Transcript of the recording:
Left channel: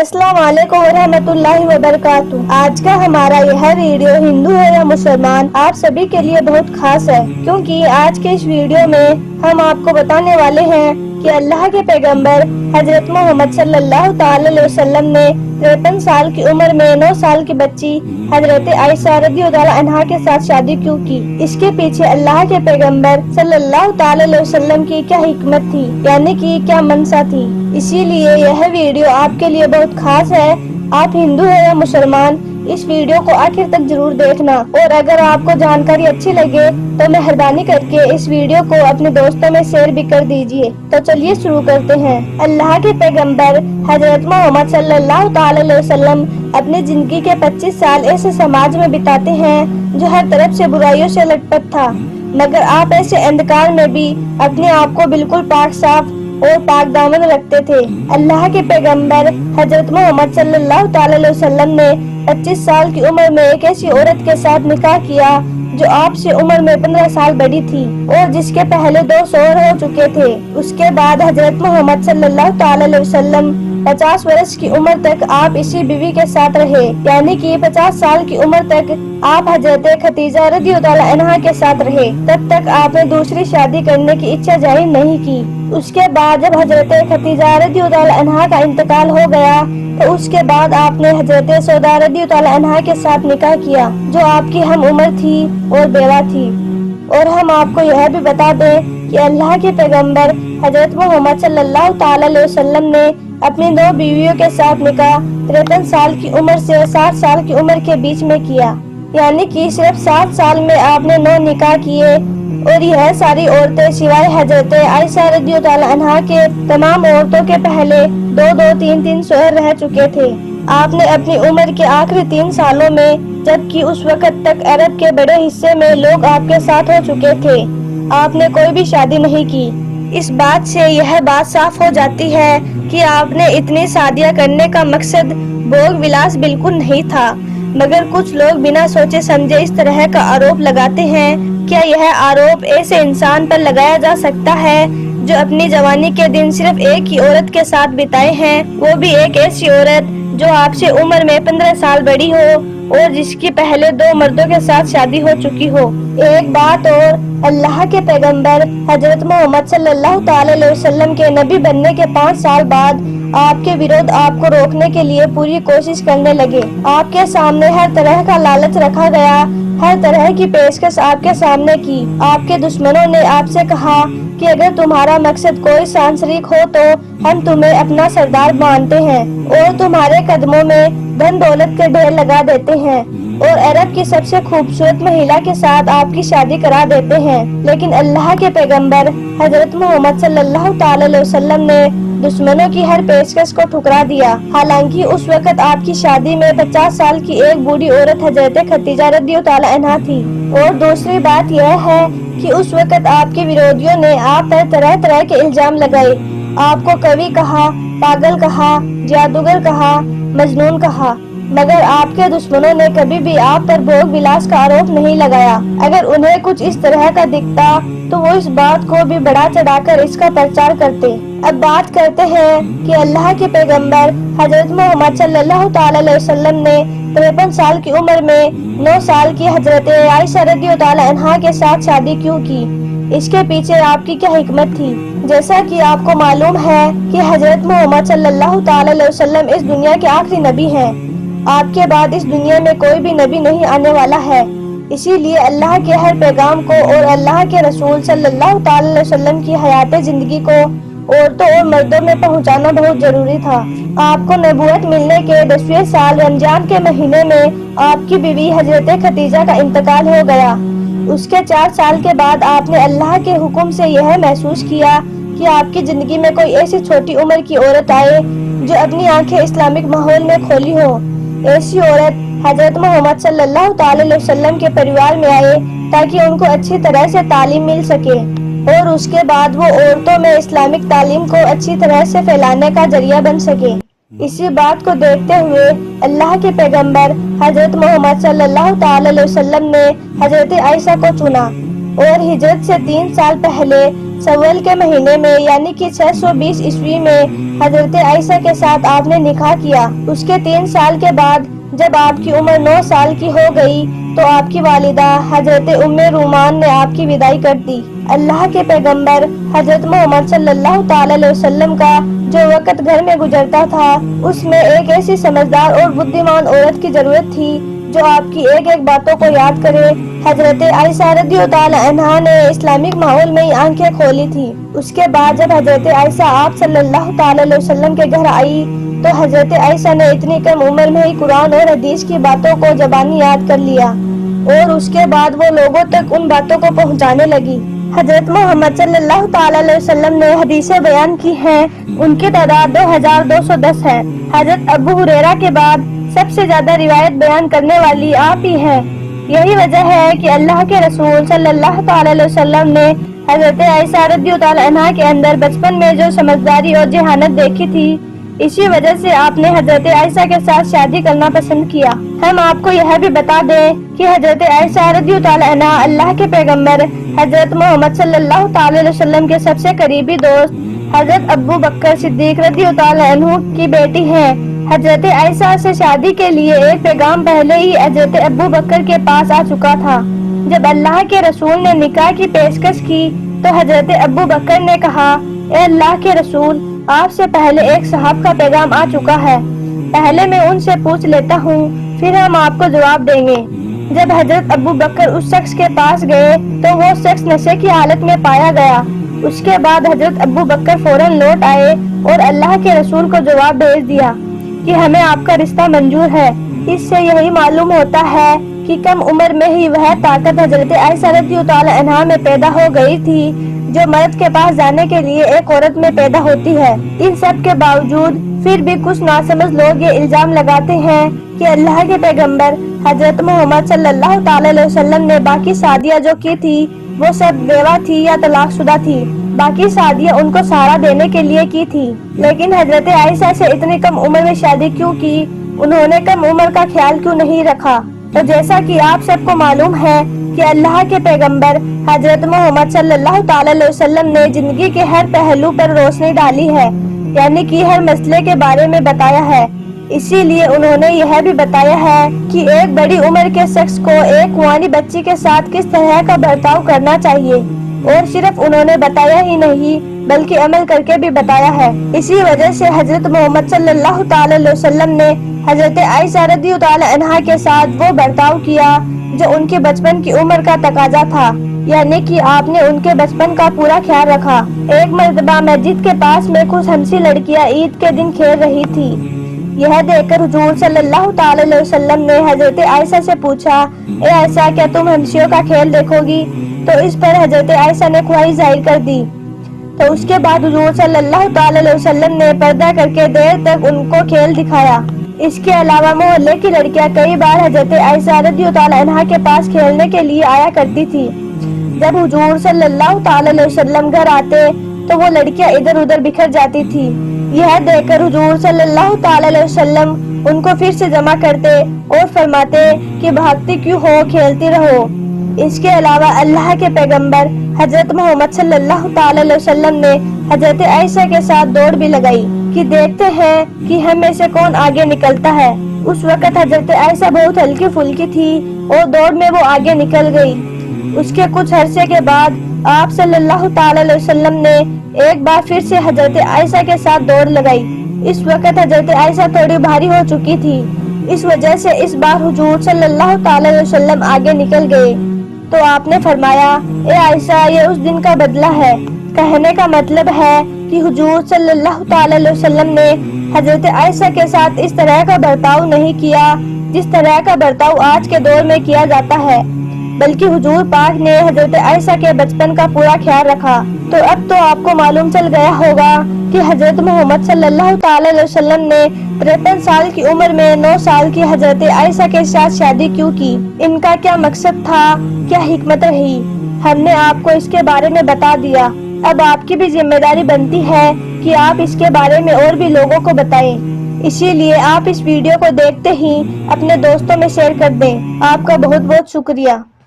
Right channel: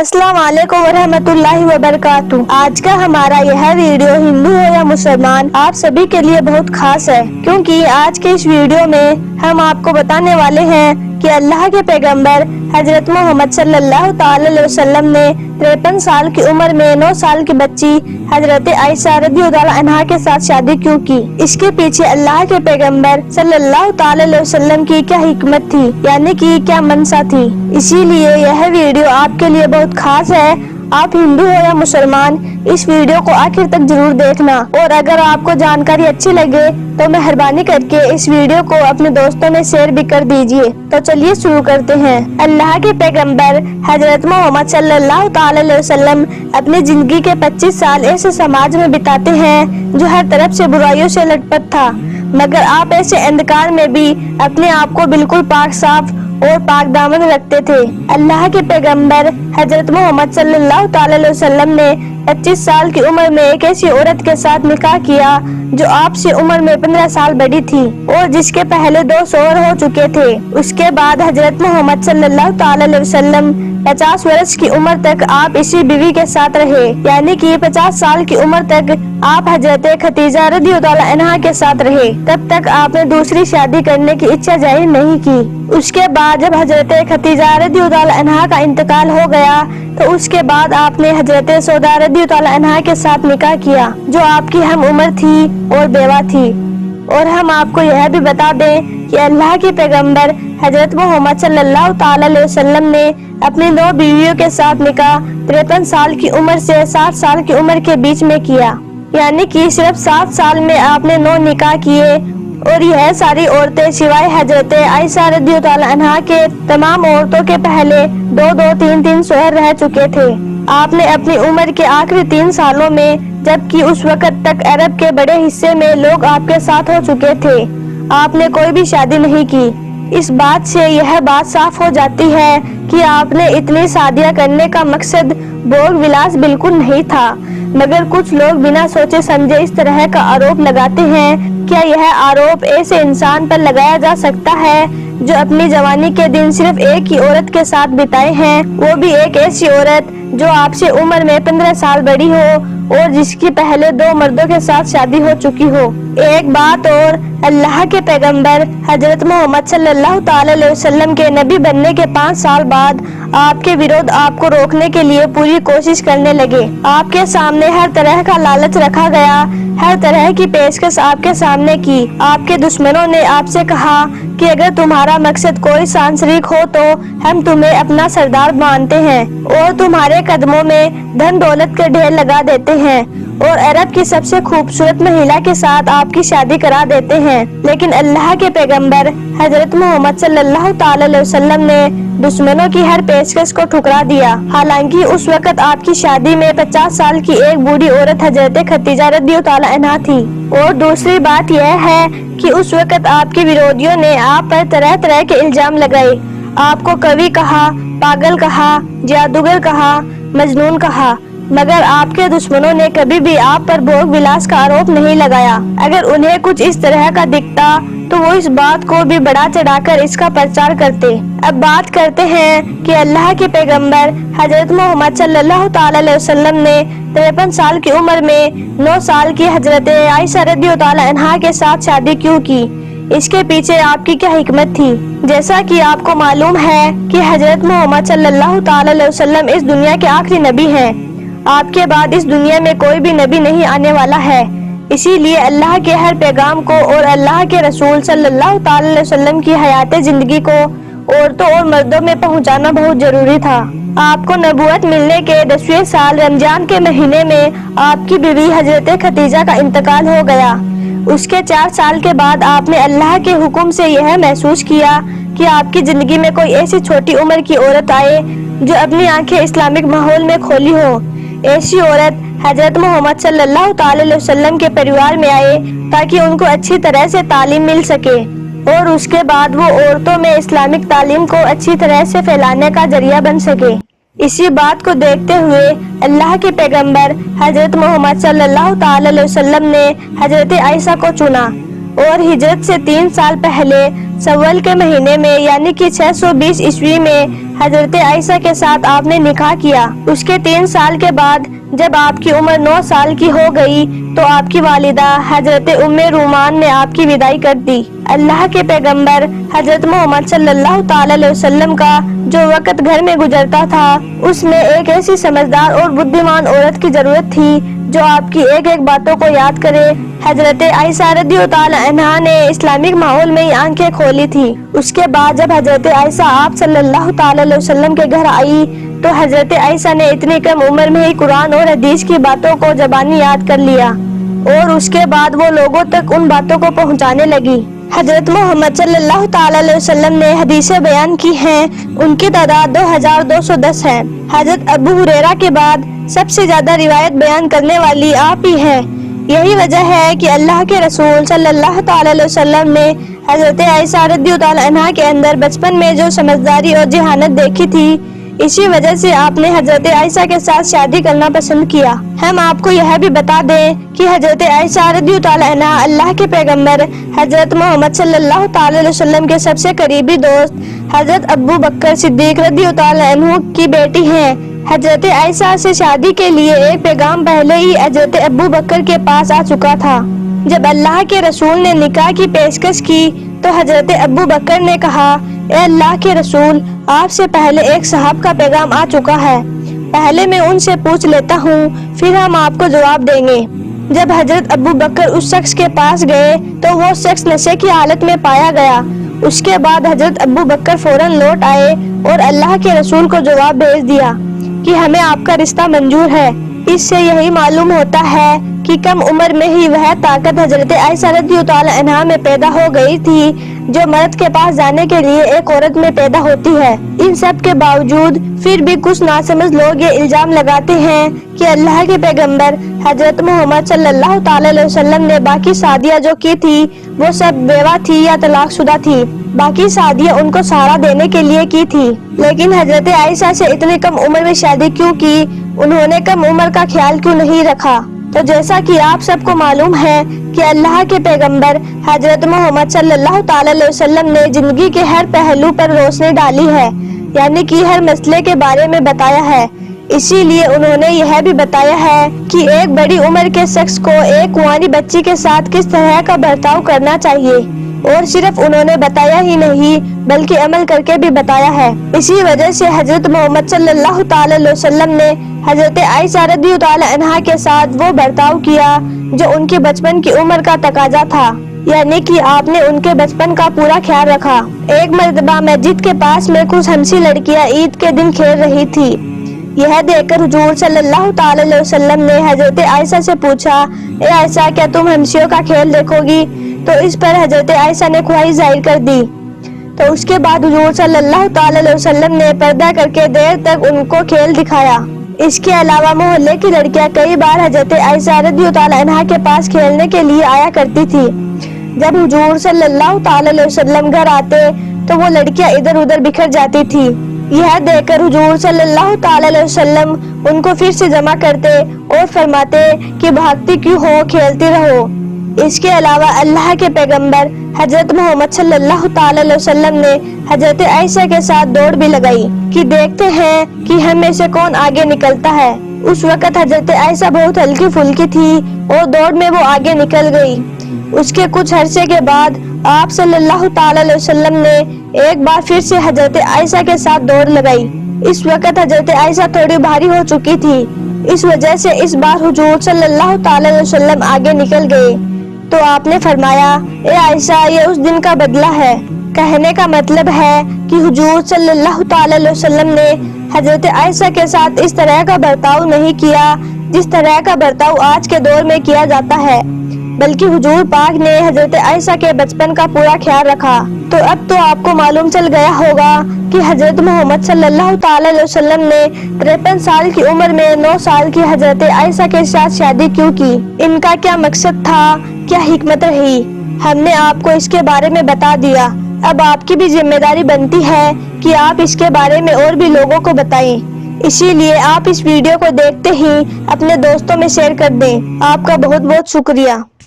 अस्सलाम वालेकुम रहमतुल्लाहि व बरकातुहू। आज का हमारा यह वीडियो हिंदू हो या मुसलमान आप सभी के लिए बहुत खास है, क्योंकि आज के इस वीडियो में हम आपको बताने वाले हैं कि अल्लाह के पैगंबर हजरत मोहम्मद सल्लल्लाहु अलैहि वसल्लम ने 53 साल की उम्र में 9 साल की बच्ची हजरत आयशा रज़ियल्लाहु अन्हा के साथ शादी क्यों की। इसके पीछे अल्लाह के पैगंबर सल्लल्लाहु अलैहि वसल्लम की क्या हिकमत थी, यानी कि क्या मंशा थी। इसीलिए यह वीडियो आपके लिए बहुत खास है। आप हिंदू हो या मुसलमान इस वीडियो को आखिर तक जरूर देखना, और अगर आपको जानकारी अच्छी लगे तो मेहरबानी करके इस वीडियो को अपने दोस्तों में शेयर भी कर दीजिए। तो चलिए शुरू करते हैं। अल्लाह के पैगंबर हजरत मोहम्मद सल्लल्लाहु अलैहि वसल्लम अपनी जिंदगी के 25 साल ऐसे समाज में बिताते हैं जो हर तरफ से बुराइयों से लटपट था, मगर आप ऐसे अंधकार में भी अपने आप को बिल्कुल पाक साफ और पाक दामन रखते थे। अल्लाह के पैगंबर हजरत मोहम्मद सल्लल्लाहु अलैहि वसल्लम ने 25 साल की उम्र में एक ऐसी औरत के साथ निकाह किया जो आपसे उम्र में 15 साल बड़ी थी और जिसके पहले 2 शौहर हो चुके थे। उसके बाद हजरत मोहम्मद सल्लल्लाहु अलैहि वसल्लम 50 वर्ष की उम्र तक आप इसी बीवी के साथ रहे, यानी कि 50 साल की उम्र तक आप हजरत खदीजा रज़ियल्लाहु अन्हा के साथ रहे। तब तक आपने दूसरी शादी करने की इच्छा जाहिर नहीं की। उसके बाद जब हजरत खदीजा रज़ियल्लाहु अन्हा का इंतकाल हो गया तो उसके बाद आपने हजरत सौदा रज़ियल्लाहु अन्हा के साथ निकाह किया जो आपकी हम उम्र थी और बेवा थी। और हम आपको यह भी बता दें कि अल्लाह के पैगंबर हजरत मोहम्मद सल्लल्लाहु अलैहि वसल्लम ने अपनी 9 बीवियों के साथ निकाह 53 साल की उम्र से 60 साल की उम्र के बीच में किया, यानी कि सिर्फ 7 साल में आपने 9 निकाह किए। और यह सारी औरतें सिवाय हजरत आयशा रज़ियल्लाहु अन्हा के तमाम औरतों के पहले 2-2, 3-3 शौहर रह चुके थे। आपने अपनी उम्र के आखिरी 3 सालों में, जबकि उस वक्त तक अरब के बड़े हिस्से में लोग आपके साथ हो चुके थे, आपने कोई भी शादी नहीं की। इस बात से यह बात साफ हो जाती है कि आपने इतनी शादियां करने का मकसद भोग विलास बिल्कुल नहीं था। मगर कुछ लोग बिना सोचे समझे इस तरह का आरोप लगाते हैं। क्या यह आरोप ऐसे इंसान पर लगाया जा सकता है जो अपनी जवानी के दिन सिर्फ एक ही औरत के साथ बिताए हैं, वो भी एक ऐसी औरत जो आपसे उम्र में 15 साल बड़ी हो और जिसकी पहले 2 मर्दों के साथ शादी हो चुकी हो। एक बात और, अल्लाह के पैगंबर हजरत मोहम्मद सल्लल्लाहु अलैहि वसल्लम के नबी बनने के 5 साल बाद आपके विरोध आपको रोकने के लिए पूरी कोशिश करने लगे। आपके सामने हर तरह का लालच रखा गया, हर तरह की पेशकश आपके सामने की। आपके दुश्मनों ने आपसे कहा कि अगर तुम्हारा मकसद कोई सांसारिक हो तो हम तुम्हें अपना सरदार मानते हैं और तुम्हारे कदमों में धन दौलत के ढेर लगा देते हैं और अरब की सबसे खूबसूरत महिला के साथ आपकी शादी करा देते हैं। लेकिन अल्लाह के पैगंबर हजरत मोहम्मद सल्लल्लाहु अलैहि वसल्लम ने दुश्मनों की हर पेशकश को ठुकरा दिया। हालांकि उस वक्त आपकी शादी में 50 साल की एक बूढ़ी औरत हजरत खदीजा रज़ियल्लाहु अन्हा थी। और दूसरी बात यह है कि उस वक्त आपके विरोधियों ने आप पर तरह तरह के इल्जाम लगाए। आपको कवि कहा, पागल कहा, जादूगर कहा, मजनून कहा, मगर आपके दुश्मनों ने कभी भी आप पर भोग विलास का आरोप नहीं लगाया। अगर उन्हें कुछ इस तरह का दिखता तो वो इस बात को भी बढ़ा चढ़ाकर इसका प्रचार करते। अब बात करते हैं कि अल्लाह के पैगंबर हजरत मोहम्मद सल्लल्लाहु अलैहि वसल्लम ने 53 साल की उम्र में 9 साल की हजरत आयशा रज़ियल्लाहु अन्हा के साथ शादी क्यों की। इसके पीछे आपकी क्या हिकमत थी। जैसा कि आपको मालूम है कि हजरत मोहम्मद सल्लल्लाहु अलैहि वसल्लम इस दुनिया के आखिरी नबी हैं। आपके बाद इस दुनिया में कोई भी नबी नहीं आने वाला है। इसीलिए अल्लाह के हर पैगाम को और अल्लाह के रसूल सल्लल्लाहु अलैहि वसल्लम की हयात जिंदगी को औरतों और मर्दों में पहुंचाना बहुत जरूरी था। आपको नबूवत मिलने के 10वें साल रमजान के महीने में आपकी बीवी हजरत खदीजा का इंतकाल हो गया। उसके 4 साल के बाद आपने अल्लाह के हुक्म से यह महसूस किया कि आपकी जिंदगी में कोई ऐसी छोटी उम्र की औरत आए जो अपनी आंखें इस्लामिक माहौल में खोली हो। ऐसी औरत हजरत मोहम्मद सल्लल्लाहु अलैहि वसल्लम के परिवार में आए ताकि उनको अच्छी तरह से तालीम मिल सके और उसके बाद वो औरतों में इस्लामिक तालीम को अच्छी तरह से फैलाने का जरिया बन सके। इसी बात को देखते हुए अल्लाह के पैगंबर हजरत मोहम्मद सल्लल्लाहु अलैहि वसल्लम ने हजरत आयशा को चुना और हिजरत से 3 साल पहले सव्वल के महीने में यानी कि 620 ईस्वी में حضرت عائشہ کے ساتھ آپ نے نکاح کیا۔ اس کے 3 سال کے بعد جب آپ کی عمر 9 سال کی ہو گئی تو آپ کی والدہ حضرت ام رومان نے آپ کی وداعی کر دی۔ اللہ کے پیغمبر حضرت محمد صلی اللہ تعالی علیہ وسلم کا جو وقت گھر میں گزرتا تھا اس میں ایک ایسی سمجھدار اور بدھیمان عورت کی ضرورت تھی جو آپ کی ایک ایک باتوں کو یاد کرے۔ حضرت عائشہ رضی اللہ عنہا نے اسلامک ماحول میں ہی آنکھیں کھولی تھی۔ اس کے بعد جب حضرت عائشہ آپ صلی اللہ تعالی علیہ وسلم کے گھر آئی تو حضرت عائشہ نے اتنی کم عمر میں ہی قرآن اور حدیث کی باتوں کو زبانی یاد کر لیا اور اس کے بعد وہ لوگوں تک ان باتوں کو پہنچانے لگی۔ حضرت محمد صلی اللہ تعالی علیہ وسلم نے حدیثیں بیان کی ہیں، ان کی تعداد 2210 ہے۔ حضرت ابو ہریرہ کے بعد سب سے زیادہ روایت بیان کرنے والی آپ ہی ہیں۔ یہی وجہ ہے کہ اللہ کے رسول صلی اللہ تعالی علیہ وسلم نے حضرت عائشہ رضی اللہ عنہا کے اندر بچپن میں جو سمجھداری اور ذہانت دیکھی تھی، اسی وجہ سے آپ نے حضرت عائشہ کے ساتھ شادی کرنا پسند کیا۔ ہم آپ کو یہ بھی بتا دیں کہ حضرت عائشہ رضی اللہ عنہا اللہ کے پیغمبر حضرت محمد صلی اللہ تعالی علیہ وسلم کے سب سے قریبی دوست حضرت ابو بکر صدیق رضی اللہ عنہ کی بیٹی ہیں۔ حضرت عائشہ سے شادی کے لیے ایک پیغام پہلے ہی حضرت ابو بکر کے پاس آ چکا تھا۔ جب اللہ کے رسول نے نکاح کی پیشکش کی تو حضرت ابو بکر نے کہا، اے اللہ کے رسول، آپ سے پہلے ایک صاحب کا پیغام آ چکا ہے، پہلے میں ان سے پوچھ لیتا ہوں، پھر ہم آپ کو جواب دیں گے۔ جب حضرت ابو بکر اس شخص کے پاس گئے تو وہ شخص نشے کی حالت میں پایا گیا۔ اس کے بعد حضرت ابو بکر فوراً لوٹ آئے اور اللہ کے رسول کو جواب بھیج دیا کہ ہمیں آپ کا رشتہ منظور ہے۔ اس سے یہی معلوم ہوتا ہے کہ کم عمر میں ہی وہ طاقت حضرت عائشہ رضی اللہ عنہا میں پیدا ہو گئی تھی جو مرد کے پاس جانے کے لیے ایک عورت میں پیدا ہوتی ہے۔ ان سب کے باوجود پھر بھی کچھ ناسمجھ لوگ یہ الزام لگاتے ہیں کہ اللہ کے پیغمبر حضرت محمد صلی اللہ تعالی علیہ وسلم نے باقی شادیاں جو کی تھی وہ سب بیوہ تھی یا طلاق شدہ تھی، باقی شادیاں ان کو سہارا دینے کے لیے کی تھی۔ لیکن حضرت عائشہ سے اتنی کم عمر میں شادی کیوں کی؟ انہوں نے کم عمر کا خیال کیوں نہیں رکھا؟ تو جیسا کہ آپ سب کو معلوم ہے کہ اللہ کے پیغمبر حضرت محمد صلی اللہ تعالی علیہ وسلم نے زندگی کے ہر پہلو پر روشنی ڈالی ہے، یعنی کہ ہر مسئلے کے بارے میں بتایا ہے۔ اسی لیے انہوں نے یہ بھی بتایا ہے کہ ایک بڑی عمر کے شخص کو ایک کنواری بچی کے ساتھ کس طرح کا برتاؤ کرنا چاہیے، اور صرف انہوں نے بتایا ہی نہیں بلکہ عمل کر کے بھی بتایا ہے۔ اسی وجہ سے حضرت محمد صلی اللہ تعالی علیہ وسلم نے حضرت عائشہ رضی اللہ عنہا کے ساتھ وہ برتاؤ کیا جو ان کے بچپن کی عمر کا تقاضا تھا، یعنی کہ آپ نے ان کے بچپن کا پورا خیال رکھا۔ ایک مرتبہ مسجد کے پاس میں کچھ ہمسی لڑکیاں عید کے دن کھیل رہی تھی۔ یہ دیکھ کر حضور صلی اللہ تعالی علیہ وسلم نے حضرت عائشہ سے پوچھا، اے عائشہ، کیا تم ہمسیوں کا کھیل دیکھو گی؟ تو اس پر حضرت عائشہ نے خواہش ظاہر کر دی۔ تو اس کے بعد حضور صلی اللہ تعالی علیہ وسلم نے پردہ کر کے دیر تک ان کو کھیل دکھایا۔ اس کے علاوہ محلے کی لڑکیاں کئی بار حضرت عائشہ رضی اللہ عنہا کے پاس کھیلنے کے لیے آیا کرتی تھی۔ جب حضور صلی اللہ تعالی علیہ وسلم گھر آتے تو وہ لڑکیاں ادھر ادھر بکھر جاتی تھی۔ یہ دیکھ کر حضور صلی اللہ تعالی علیہ وسلم ان کو پھر سے جمع کرتے اور فرماتے کہ بھاگتی کیوں ہو، کھیلتی رہو۔ اس کے علاوہ اللہ کے پیغمبر حضرت محمد صلی اللہ تعالی علیہ وسلم نے حضرت عائشہ کے ساتھ دوڑ بھی لگائی کہ دیکھتے ہیں کہ ہم میں سے کون آگے نکلتا ہے۔ اس وقت حضرت عائشہ بہت ہلکی پھلکی تھی اور دوڑ میں وہ آگے نکل گئی۔ اس کے کچھ عرصے کے بعد آپ صلی اللہ تعالی علیہ وسلم نے ایک بار پھر سے حضرت عائشہ کے ساتھ دوڑ لگائی۔ اس وقت حضرت عائشہ تھوڑی بھاری ہو چکی تھی، اس وجہ سے اس بار حضور صلی اللہ تعالی علیہ وسلم آگے نکل گئے۔ تو آپ نے فرمایا، اے عائشہ، یہ اس دن کا بدلہ ہے۔ کہنے کا مطلب ہے کہ حضور صلی اللہ تعالی علیہ وسلم نے حضرت عائشہ کے ساتھ اس طرح کا برتاؤ نہیں کیا جس طرح کا برتاؤ آج کے دور میں کیا جاتا ہے، بلکہ حضور پاک نے حضرت عائشہ کے بچپن کا پورا خیال رکھا۔ تو اب تو آپ کو معلوم چل گیا ہوگا کہ حضرت محمد صلی اللہ تعالی علیہ وسلم نے 53 سال کی عمر میں 9 سال کی حضرت عائشہ کے ساتھ شادی کیوں کی، ان کا کیا مقصد تھا، کیا حکمت رہی۔ ہم نے آپ کو اس کے بارے میں بتا دیا، اب آپ کی بھی ذمہ داری بنتی ہے کہ آپ اس کے بارے میں اور بھی لوگوں کو بتائیں۔ اسی لیے آپ اس ویڈیو کو دیکھتے ہی اپنے دوستوں میں شیئر کر دیں۔ آپ کا بہت بہت شکریہ۔